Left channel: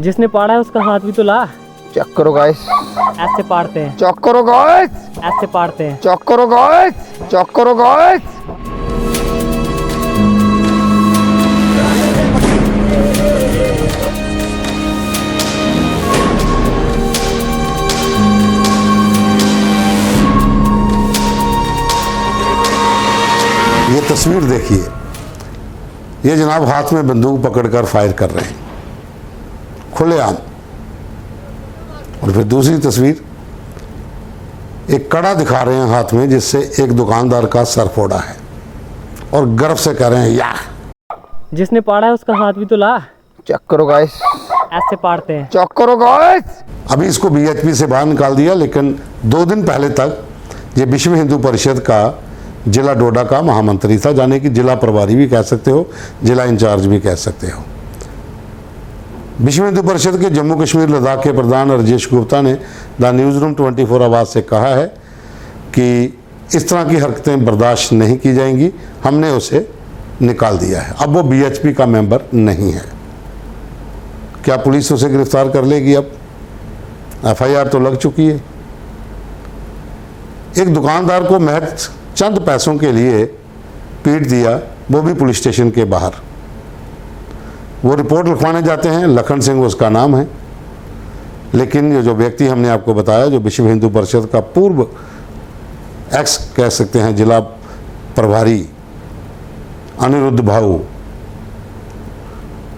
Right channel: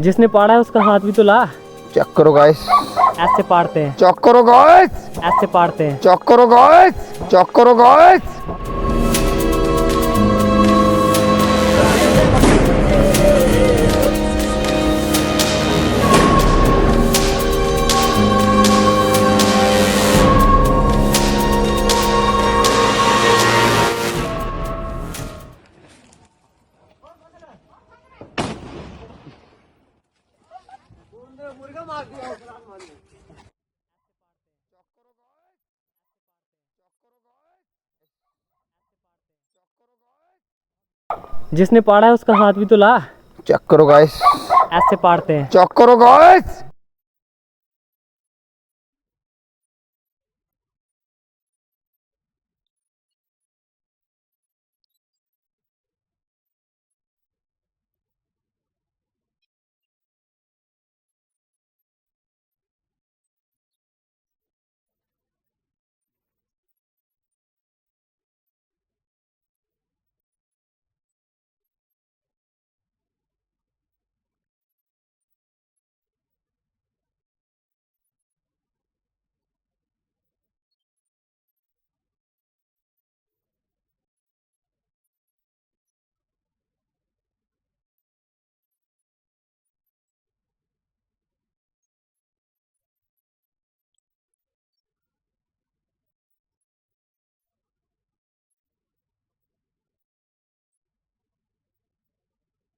जिसने पाड़ा है उसका हाथ भी तो ला। चेक करो गाइस, ऐसे पाड़ते हैं, चेक करो गाइस, ऐसे पाड़ते हैं। चेक करो गाइस, चेक करो गाइस। ये तस्वीर देखिए, ये जनाब हाथ में बंदूक पकड़कर फायर कर रहे हैं खुलेआम। और फिर दूसरी तस्वीर, एक कड़ा दिखा रहे हैं हाथ में जिससे एक दुकानदार का सर फोड़ा है और गर्व से कह रहे हैं या। जिसने पाड़ा है उसका हाथ भी तो ला। चेक करो गाइस, ऐसे पाड़ते हैं। चेक करो गाइस। अभी इसको बीएचपी से बाहर निकाल दिया, लेकिन 2 दिन पहले तक ये विश्व हिंदू परिषद का जिला डोडा का महामंत्री था, जाने कि जिला प्रभारी भी कह सकते हो, जिला इंचार्ज भी कह सकते हो। विश्व हिंदू परिषद के जम्मू कश्मीर लद्दाख के प्रधान राजेश गुप्ता ने द न्यूज़ रूम 24 आवाज़ से कहा है कि इस तरह की हरकतें बर्दाश्त नहीं की जाएंगी, हमने उसे निकाल दिया है। अब वो बीएचपी का मेंबर नहीं है। क्या पुलिस उसे गिरफ्तार कर लेगी? अब एफआईआर तो लग चुकी है। एक दुकानदार को महज चंद पैसों के लिए पीट दिया, वो भी पुलिस स्टेशन के बाहर। वो रिपोर्ट लिखवाने जाते हैं, लखन सिंह उसका नाम है, लेकिन ये जो व्यक्ति हमने आपको बताया, जो विश्व हिंदू परिषद का पूर्व एक्स कह सकते हैं जिला प्रभारी अनिरुद्ध भाऊ,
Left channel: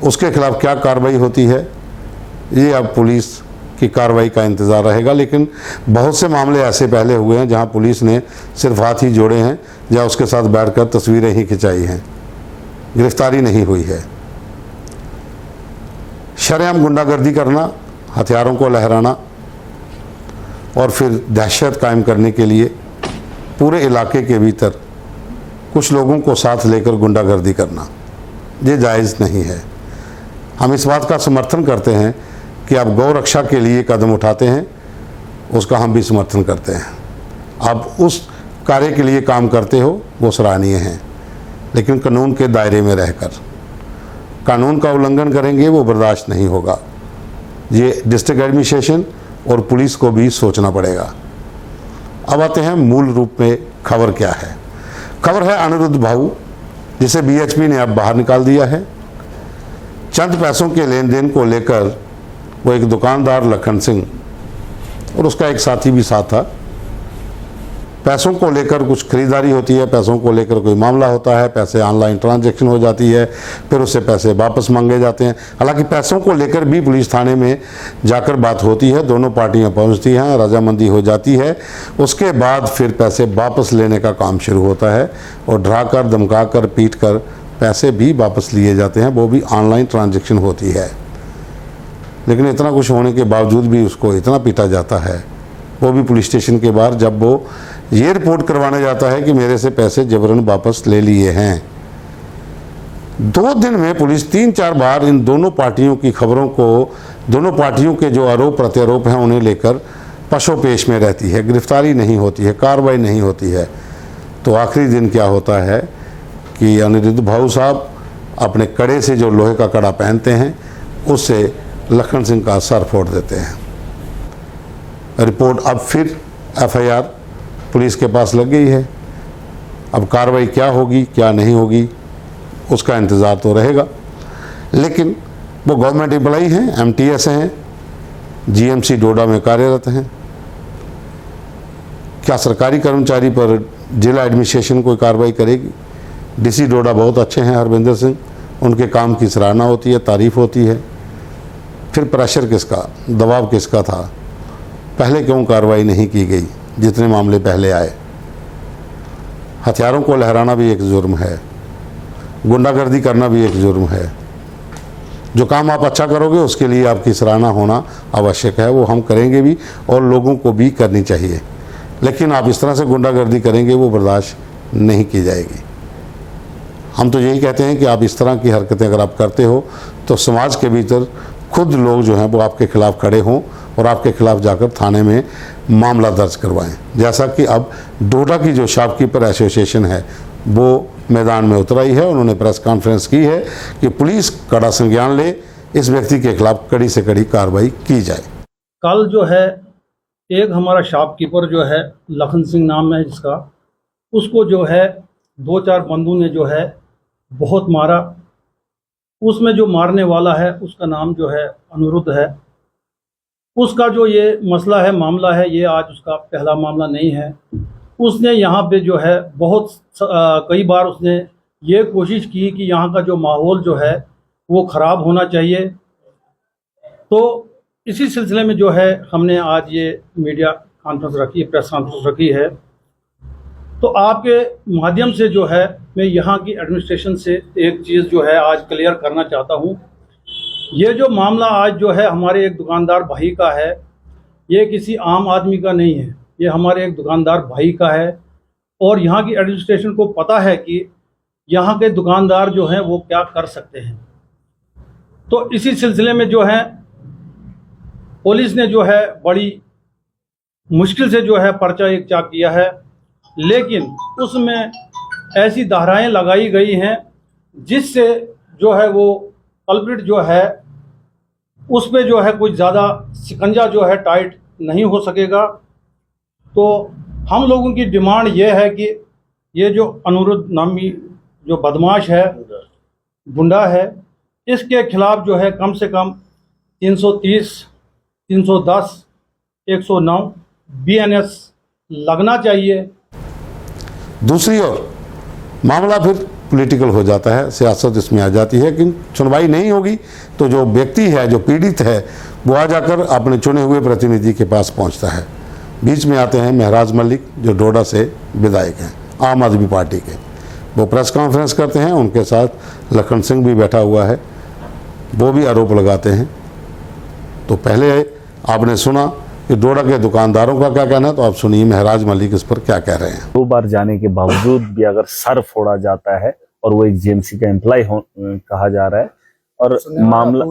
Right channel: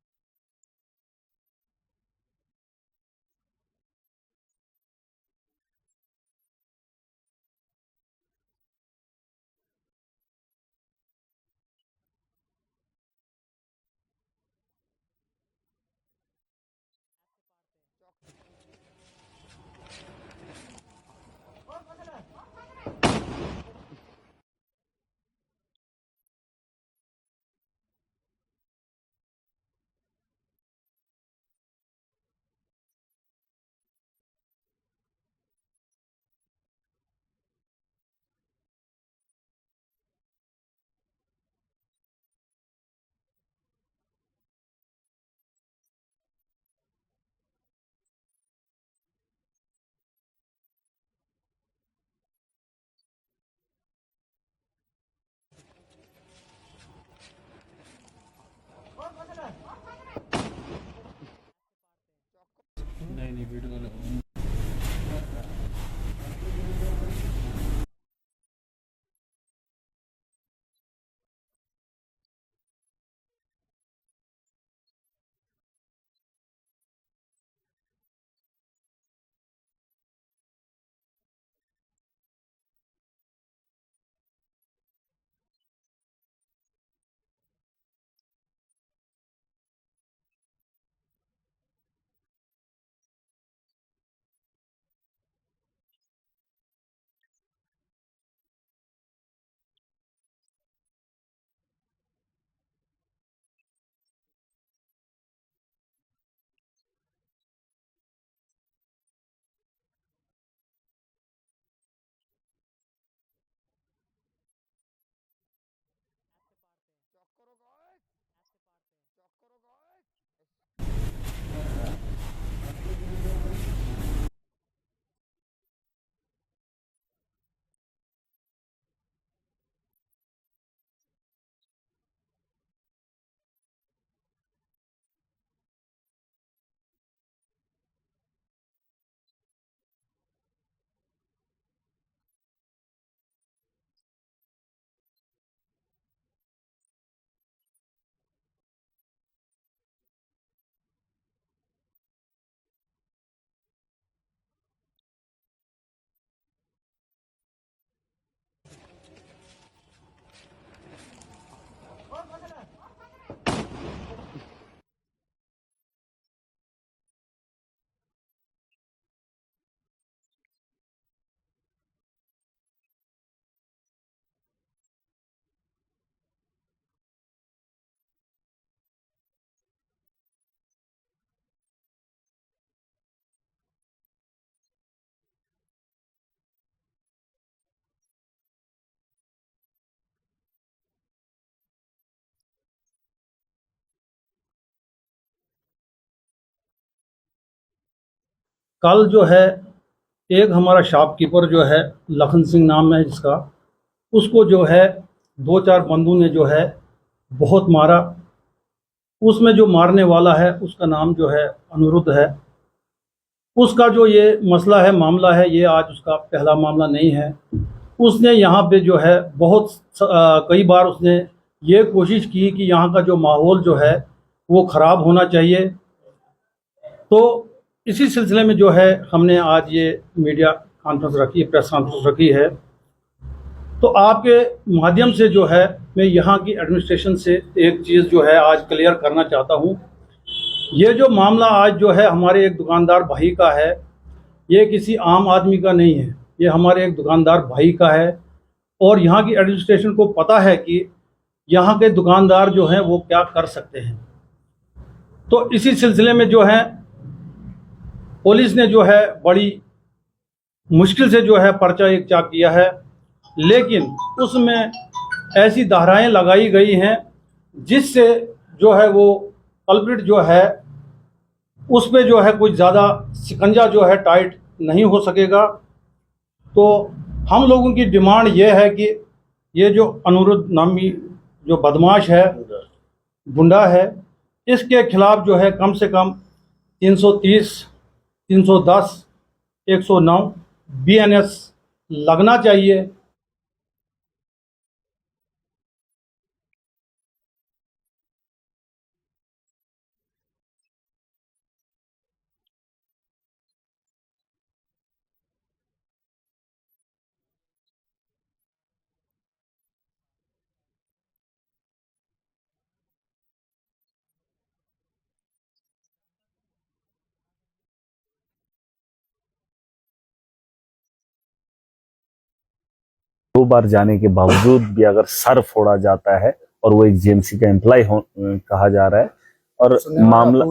उसके खिलाफ क्या कार्रवाई होती है ये अब पुलिस की कार्रवाई का इंतज़ार रहेगा। लेकिन बहुत से मामले ऐसे पहले हुए हैं जहां पुलिस ने सिर्फ हाथ ही जोड़े हैं या उसके साथ बैठकर तस्वीरें ही खिंचाई हैं, गिरफ्तारी नहीं हुई है। शरेआम गुंडागर्दी करना, हथियारों को लहराना और फिर दहशत कायम करने के लिए पूरे इलाके के भीतर कुछ लोगों को साथ लेकर गुंडागर्दी करना, ये जायज़ नहीं है। हम इस बात का समर्थन करते हैं कि आप गौ रक्षा के लिए कदम उठाते हैं, उसका हम भी समर्थन करते हैं। आप उस कार्य के लिए काम करते हो, वो सराहनीय हैं, लेकिन कानून के दायरे में रहकर। कानून का उल्लंघन करेंगे वो बर्दाश्त नहीं होगा। ये डिस्ट्रिक्ट एडमिनिस्ट्रेशन और पुलिस को भी सोचना पड़ेगा। अब आते हैं मूल रूप में खबर क्या है। खबर है अनिरुद्ध भाऊ, जिसे बीएचपी ने अब बाहर निकाल दिया है। चंद पैसों के लेन देन को लेकर वो एक दुकानदार लखन सिंह और उसका एक साथी भी साथ था। पैसों को लेकर कुछ खरीदारी होती है, पैसों को लेकर कोई मामला होता है, पैसे ऑनलाइन ट्रांजैक्शन हो जाती है, फिर उससे पैसे वापस मांगे जाते हैं। हालांकि पैसों को लेकर भी पुलिस थाने में जाकर बात होती है, दोनों पार्टियां पहुंचती हैं, रजामंदी हो जाती है। उसके बाद फिर पैसे वापस लेने का काम शुरू होता है और डराकर, धमकाकर, पीट कर पैसे भी वापस लिए जाते हैं, वो भी ऑनलाइन ट्रांजैक्शन होती है। लेकिन इतना कुछ होने के बावजूद भी उसको इतना पीटा जाता है, वो भी पुलिस स्टेशन के बाहर, जब वो ये रिपोर्ट करवाने जाता है कि मेरे से पैसे जबरन वापस ले लिए हैं। 2 दिन में पुलिस 3-4 बार इन दोनों पार्टियों की खबरों को, दोनों पार्टियों के जो आरोप प्रत्यारोप हैं उन्हें लेकर पशोपेश में रहती है, गिरफ्तारी नहीं होती है, कार्रवाई नहीं होती है। तो आखिरी दिन क्या होता है कि अनिरुद्ध भाऊ साहब अपने कड़े से, जो लोहे का कड़ा पहनते हैं, उससे लखन सिंह का सर फोड़ देते हैं। रिपोर्ट अब फिर एफआईआर पुलिस के पास लग गई है। अब कार्रवाई क्या होगी क्या नहीं होगी उसका इंतज़ार तो रहेगा। लेकिन वो गवर्नमेंट एम्प्लॉई हैं, एमटीएस हैं, जीएमसी डोडा में कार्यरत हैं। क्या सरकारी कर्मचारी पर जिला एडमिनिस्ट्रेशन कोई कार्रवाई करेगी? डीसी डोडा बहुत अच्छे हैं हरविंदर सिंह, उनके काम की सराहना होती है, तारीफ होती है। फिर प्रेशर किसका, दबाव किसका था? पहले क्यों कार्रवाई नहीं की गई जितने मामले पहले आए? हथियारों को लहराना भी एक जुर्म है, गुंडागर्दी करना भी एक जुर्म है। जो काम आप अच्छा करोगे उसके लिए आपकी सराहना होना आवश्यक है, वो हम करेंगे भी और लोगों को भी करनी चाहिए। लेकिन आप इस तरह से गुंडागर्दी करेंगे वो बर्दाश्त नहीं की जाएगी। हम तो यही कहते हैं कि आप इस तरह की हरकतें अगर आप करते हो तो समाज के भीतर खुद लोग जो हैं वो आपके खिलाफ खड़े हों और आपके खिलाफ जाकर थाने में मामला दर्ज करवाएं। जैसा कि अब डोडा की जो शॉपकीपर एसोसिएशन है वो मैदान में उतर आई है, उन्होंने प्रेस कॉन्फ्रेंस की है कि पुलिस कड़ा संज्ञान ले, इस व्यक्ति के खिलाफ कड़ी से कड़ी कार्रवाई की जाए। कल जो है एक हमारा शॉपकीपर जो है लखन सिंह नाम है जिसका, उसको जो है 2-4 बंदों ने जो है बहुत मारा। उसमें जो मारने वाला है उसका नाम जो है अनिरुद्ध है। उसका जो ये मसला है, मामला है, ये आज उसका पहला मामला नहीं है। उसने यहाँ पे जो है बहुत कई बार उसने ये कोशिश की कि यहाँ का जो माहौल जो है वो ख़राब होना चाहिए। तो इसी सिलसिले में जो है हमने आज ये मीडिया कॉन्फ्रेंस रखी, प्रेस कॉन्फ्रेंस रखी है। तो आपके माध्यम से जो है मैं यहाँ की एडमिनिस्ट्रेशन से एक चीज़ जो है आज क्लियर करना चाहता हूँ। ये जो मामला आज जो है हमारे एक दुकानदार भाई का है, ये किसी आम आदमी का नहीं है, ये हमारे एक दुकानदार भाई का है। और यहाँ की एडमिनिस्ट्रेशन को पता है कि यहाँ के दुकानदार जो हैं वो क्या कर सकते हैं। तो इसी सिलसिले में जो है पुलिस ने जो है बड़ी मुश्किल से जो है पर्चा एक चाक किया है, लेकिन उसमें ऐसी धाराएं लगाई गई हैं जिससे जो है वो कल्प्रिट जो है उस पे जो है कुछ ज़्यादा शिकंजा जो है टाइट नहीं हो सकेगा। तो हम लोगों की डिमांड ये है कि ये जो अनिरुद्ध नामी जो बदमाश है, गुंडा है, इसके खिलाफ जो है कम से कम 330, 310, 109 BNS लगना चाहिए। दूसरी ओर मामला फिर पॉलिटिकल हो जाता है, सियासत इसमें आ जाती है कि सुनवाई नहीं होगी तो जो व्यक्ति है, जो पीड़ित है, वो आ जाकर अपने चुने हुए प्रतिनिधि के पास पहुंचता है। बीच में आते हैं महराज मलिक जो डोडा से विधायक हैं आम आदमी पार्टी के, वो प्रेस कॉन्फ्रेंस करते हैं, उनके साथ लखन सिंह भी बैठा हुआ है, वो भी आरोप लगाते हैं। तो पहले आपने सुना कि डोडा के दुकानदारों का क्या कहना है, तो आप सुनिए महराज मलिक इस पर क्या कह रहे हैं। 2 बार जाने के बावजूद भी अगर सर फोड़ा जाता है और वो एक जीएमसी का एम्प्लॉय कहा जा रहा है और मामला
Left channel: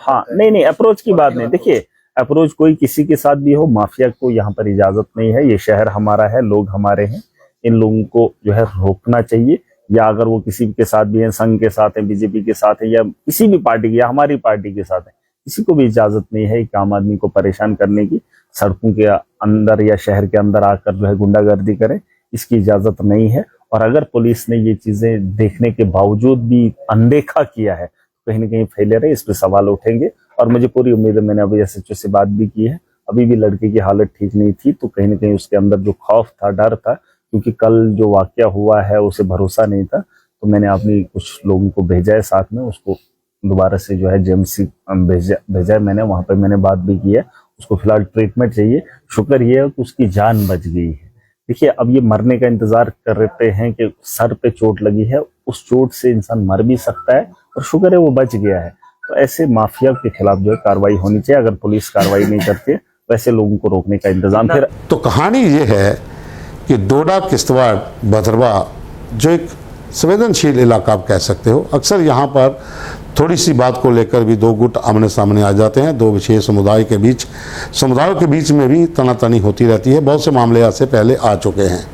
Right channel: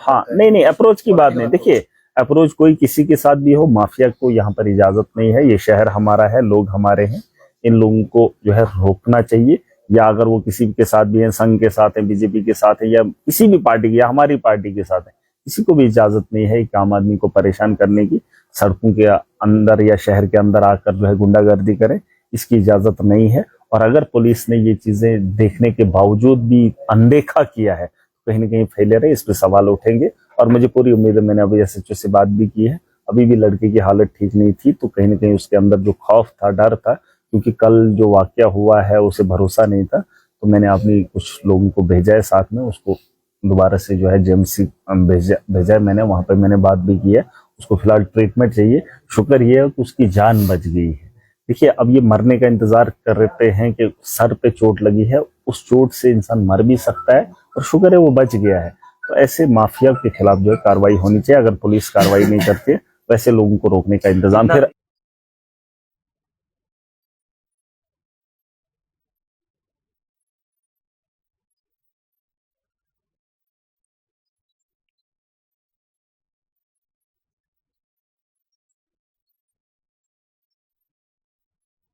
हाँ नहीं अप्रोच की बात नहीं। देखिए अप्रोच कोई किसी के साथ भी हो, माफिया को यहाँ पर इजाजत नहीं है। ये शहर हमारा है, लोग हमारे हैं, इन लोगों को जो है रोकना चाहिए। या अगर वो किसी के साथ भी है, संघ के साथ है, बीजेपी के साथ है, या किसी भी पार्टी की या हमारी पार्टी के साथ है, किसी को भी इजाजत नहीं है एक आम आदमी को परेशान करने की, सड़कों के अंदर या शहर के अंदर आकर जो है गुंडागर्दी करे, इसकी इजाजत नहीं है। और अगर पुलिस ने ये चीजें देखने के बावजूद भी अनदेखा किया है तो कहीं ना कहीं फेलियर है, इस पे सवाल उठेंगे। और मुझे पूरी उम्मीद है, मैंने अभी SHO से बात भी की है, अभी भी लड़के की हालत ठीक नहीं थी, तो कहीं ना कहीं उसके अंदर जो खौफ था, डर था, क्योंकि कल जो वाकया हुआ है उसे भरोसा नहीं था, तो मैंने अपनी कुछ लोगों को भेजा है साथ में, उसको दोबारा से जो है JMC भेजा है मैंने, वहां पे मैंने बात भी की है। उसको फिलहाल ट्रीटमेंट चाहिए। शुक्र ये है कि उसकी जान बच गई है। देखिए अब ये मरने का इंतजार कर रहे हैं कि सर पे चोट लगी है, उस चोट से इंसान मर भी सकता है, और शुक्र है वो बच गया है। तो ऐसे माफिया के खिलाफ जो है कार्रवाई होनी चाहिए। अगर पुलिस कार्रवाई नहीं करती तो ऐसे लोगों को रोकने का इंतजाम फिर। तो कहानी ये है कि डोडा, किश्तवाड़, भदरवा जो एक संवेदनशील इलाका आप कह सकते हो, अक्सर यहाँ पर थोड़ी सी बात को लेकर भी 2 गुट आमने सामने आ जाते हैं। 2 विशेष समुदायों के बीच में भी तनातनी होती रहती है। बहुत से मामले आज से पहले आ चुके हैं।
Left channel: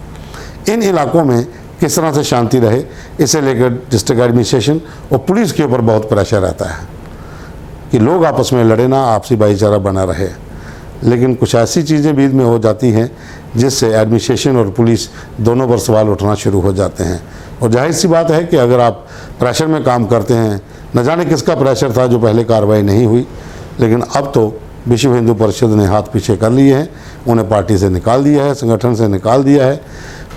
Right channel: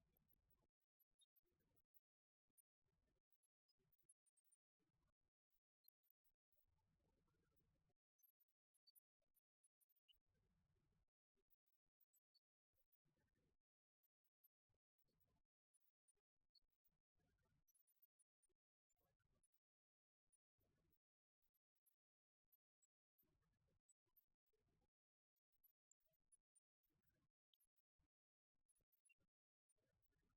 इन इलाकों में किस तरह से शांति रहे, इसे लेकर डिस्ट्रिक्ट एडमिनिस्ट्रेशन और पुलिस के ऊपर बहुत प्रेशर रहता है कि लोग आपस में लड़े ना, आपसी भाईचारा बना रहे। लेकिन कुछ ऐसी चीज़ें बीच में हो जाती हैं जिससे एडमिनिस्ट्रेशन और पुलिस दोनों पर सवाल उठना शुरू हो जाते हैं। और जाहिर सी बात है कि अगर आप प्रेशर में काम करते हैं, न जाने किसका प्रेशर था जो पहले कार्रवाई नहीं हुई, लेकिन अब तो विश्व हिंदू परिषद ने हाथ पीछे कर लिए हैं, उन्हें पार्टी से निकाल दिया है, संगठन से निकाल दिया है,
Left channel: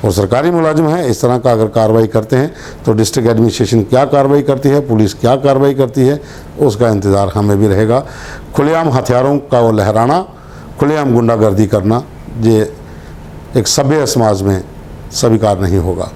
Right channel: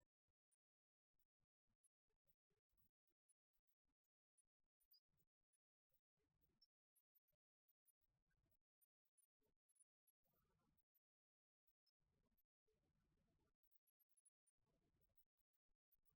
और सरकारी मुलाजिम है। इस तरह का अगर कार्रवाई करते हैं तो डिस्ट्रिक्ट एडमिनिस्ट्रेशन क्या कार्रवाई करती है, पुलिस क्या कार्रवाई करती है, उसका इंतज़ार हमें भी रहेगा। खुलेआम हथियारों का वो लहराना, खुलेआम गुंडागर्दी करना, ये एक सभ्य समाज में स्वीकार नहीं होगा।